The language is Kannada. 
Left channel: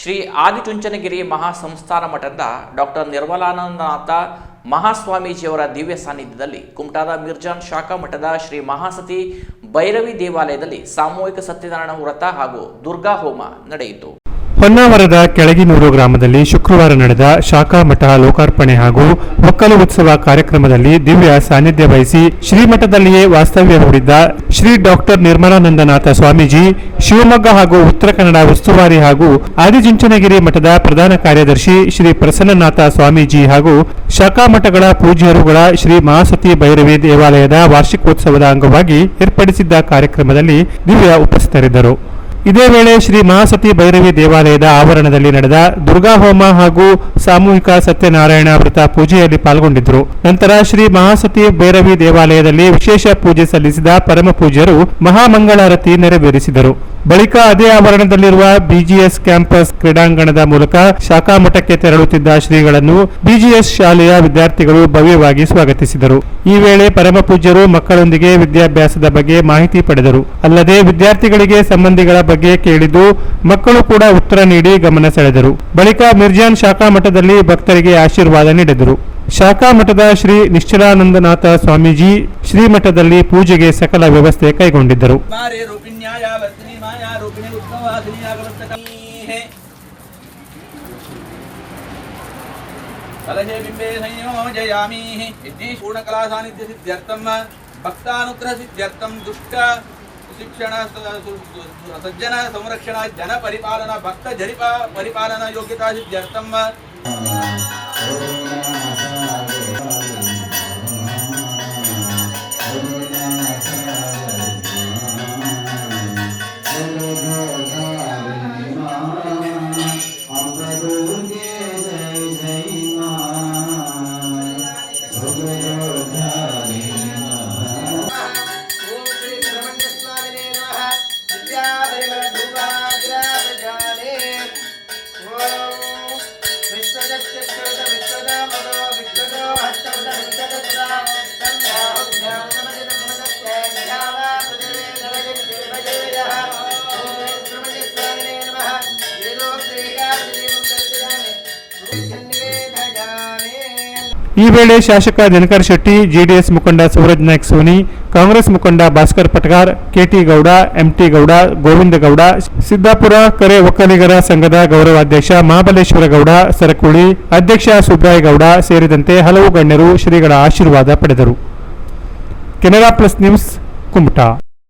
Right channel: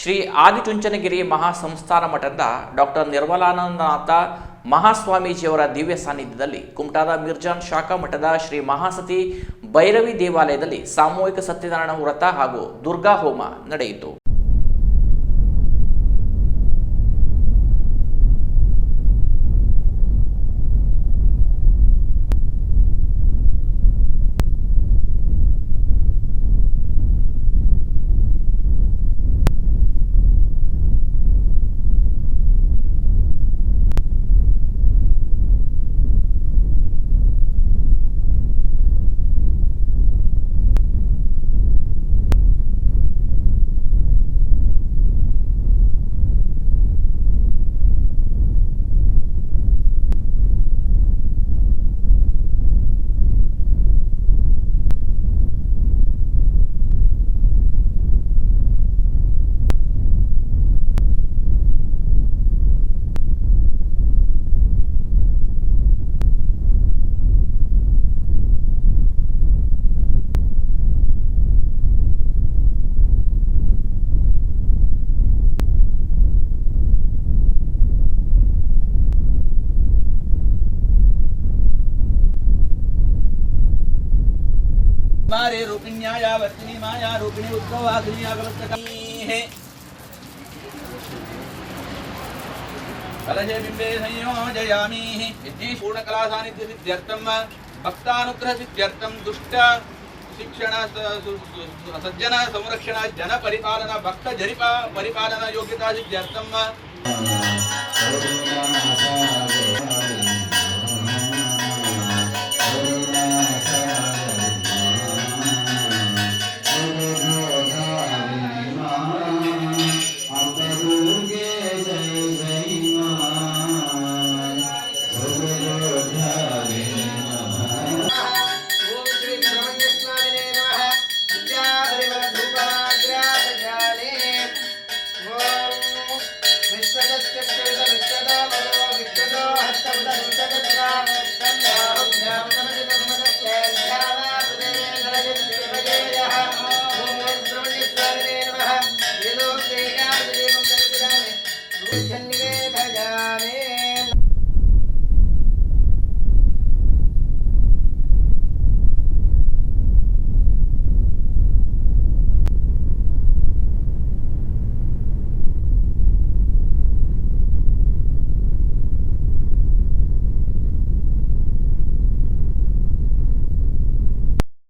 ಶ್ರೀ ಆದಿಚುಂಚನಗಿರಿ ಮಹಾಸಂಸ್ಥಾನ ಮಠದ ಡಾಕ್ಟರ್ ನಿರ್ಮಲಾನಂದನಾಥ ಮಹಾಸ್ವಾಮೀಜಿಯವರ ದಿವ್ಯ ಸಾನ್ನಿಧ್ಯದಲ್ಲಿ ಕುಮಟಾದ ಮಿರ್ಜಾನ್ ಶಾಖಾ ಮಠದ ಶ್ರೀ ಮಹಾಸತಿ ಭೈರವಿ ದೇವಾಲಯದಲ್ಲಿ ಸಾಮೂಹಿಕ ಸತ್ಯನಾರಾಯಣ ವ್ರತ ಹಾಗೂ ದುರ್ಗಾ ಹೋಮ ನಡೆಯಿತು. ಹೊನ್ನಾವರದ ಕೆಳಗಿನೂರು ಗ್ರಾಮದಲ್ಲಿ ಶುಕ್ರವಾರ ನಡೆದ ಶಾಖಾ ಮಠ ಲೋಕಾರ್ಪಣೆ ಹಾಗೂ ಒಕ್ಕಲು ಉತ್ಸವ ಕಾರ್ಯಕ್ರಮದಲ್ಲಿ ದಿವ್ಯ ಸಾನ್ನಿಧ್ಯ ವಹಿಸಿ ಶ್ರೀಮಠದಲ್ಲಿಯೇ ವಾಸ್ತವ್ಯ ಹೂಡಿದ್ದ ಶ್ರೀ ಡಾಕ್ಟರ್ ನಿರ್ಮಲಾನಂದನಾಥ ಸ್ವಾಮೀಜಿ, ಶಿವಮೊಗ್ಗ ಹಾಗೂ ಉತ್ತರ ಕನ್ನಡ ಉಸ್ತುವಾರಿ ಹಾಗೂ ಆದಿಚುಂಚನಗಿರಿ ಮಠದ ಪ್ರಧಾನ ಕಾರ್ಯದರ್ಶಿ ಶ್ರೀ ಪ್ರಸನ್ನನಾಥ ಸ್ವಾಮೀಜಿ ಹಾಗೂ ಶಾಖಾ ಮಠಗಳ ಪೂಜ್ಯರುಗಳ ಶ್ರೀ ಮಹಾಸತಿ ಭೈರವಿ ದೇವಾಲಯದ ವಾರ್ಷಿಕೋತ್ಸವದ ಅಂಗವಾಗಿ ಏರ್ಪಡಿಸಿದ್ದ ಕಾರ್ಯಕ್ರಮದಲ್ಲಿ ದಿವ್ಯ ಉಪಸ್ಥಿತರಿದ್ದರು. ಇದೇ ವೇಳೆ ಶ್ರೀ ಮಹಾಸತಿ ಭೈರವಿ ದೇವಾಲಯದ ಆವರಣದಲ್ಲಿ ನಡೆದ ದುರ್ಗಾ ಹೋಮ ಹಾಗೂ ಸಾಮೂಹಿಕ ಸತ್ಯನಾರಾಯಣ ವ್ರತ ಪೂಜೆಯಲ್ಲಿ ಪಾಲ್ಗೊಂಡಿದ್ದರು. ನಂತರ ಶ್ರೀ ಮಹಾಸತಿ ಭೈರವಿ ದೇವಾಲಯದಲ್ಲಿ ವಿಶೇಷ ಪೂಜೆ ಸಲ್ಲಿಸಿದ ಪರಮ ಪೂಜ್ಯರು ಮಹಾಮಂಗಳಾರತಿ ನೆರವೇರಿಸಿದರು. ಬಳಿಕ ಅದೇ ಆವರಣದಲ್ಲಿರುವ ಬಿಜಿಎಸ್ ಕ್ಯಾಂಪಸ್ ಕ್ರೀಡಾಂಗಣದ ಮೂಲಕ ಶಾಖಾ ಮಠಕ್ಕೆ ತೆರಳುತ್ತಿದ್ದ ಶ್ರೀಗಳನ್ನು ಬಿಜಿಎಸ್ ಶಾಲೆಯ ವಿದ್ಯಾರ್ಥಿಗಳು ಭವ್ಯವಾಗಿ ಸ್ವಾಗತಿಸಿದರು. ಈ ವೇಳೆ ಪರಮ ಪೂಜ್ಯರು ಮಕ್ಕಳೊಂದಿಗೆ ವಿದ್ಯಾಭ್ಯಾಸದ ಬಗ್ಗೆ ಮಾಹಿತಿ ಪಡೆದರು. ಅಲ್ಲದೆ ವಿದ್ಯಾರ್ಥಿಗಳಿಗೆ ಸಂಬಂಧಿಗಳ ಬಗ್ಗೆ ಕೇಳಿದ್ದು ಮಕ್ಕಳು ಕೂಡ ಉತ್ತರ ನೀಡಿ ಗಮನ ಸೆಳೆದರು. ಬಳಿಕ ಮಿರ್ಜಾನ್ ಶಾಖಾ ಮಠದಲ್ಲಿ ಭಕ್ತರಿಗೆ ಆಶೀರ್ವಾದ ನೀಡಿದರು. ಶಾಖಾ ಮಠದ ಶ್ರೀ ನಿಶ್ಚಲಾನಂದನಾಥ ಸ್ವಾಮೀಜಿ ಶ್ರೀಮಠದಲ್ಲಿ ಪೂಜೆಗೆ ಸಕಲ ವ್ಯವಸ್ಥೆ ಕೈಗೊಂಡಿದ್ದರು. ಶಿಕ್ಷಣ ಸಜ್ಜನ ಸಂರಕ್ಷಣಾ ಜನ ಪರಿಪಾಲನಾ ಭಕ್ತ ಪರಿಪಾಲನಾ ಯೋಗ್ಯತಾ ಸಿದ್ಧಾರ್ಥಂ ಈ ವೇಳೆ ಶಾಸಕ ದಿನಕರ್ ಶೆಟ್ಟಿ, ಜೆಡಿಎಸ್ ಮುಖಂಡ ಸೂರಜ್ ನಾಯ್ಕ್ ಸೋನಿ, ಕಾಂಗ್ರೆಸ್ ಮುಖಂಡ ಭಾಸ್ಕರ್ ಪಟಗಾರ್, ಕೆಟಿ ಗೌಡ, ಎಂಟಿ ಗೌಡ, ಗೋವಿಂದ ಗೌಡ, ಸಿದ್ದಾಪುರ ಕೆರೆ ಒಕ್ಕಲಿಗರ ಸಂಘದ ಗೌರವಾಧ್ಯಕ್ಷ ಮಹಾಬಲೇಶ್ವರ ಗೌಡ ಸರಕುಳಿ, ಅಧ್ಯಕ್ಷ ಸುಬ್ರಾಯ ಗೌಡ ಸೇರಿದಂತೆ ಹಲವು ಗಣ್ಯರು ಶ್ರೀಗಳ ಆಶೀರ್ವಾದ ಪಡೆದರು. Canara plus news, Kumta.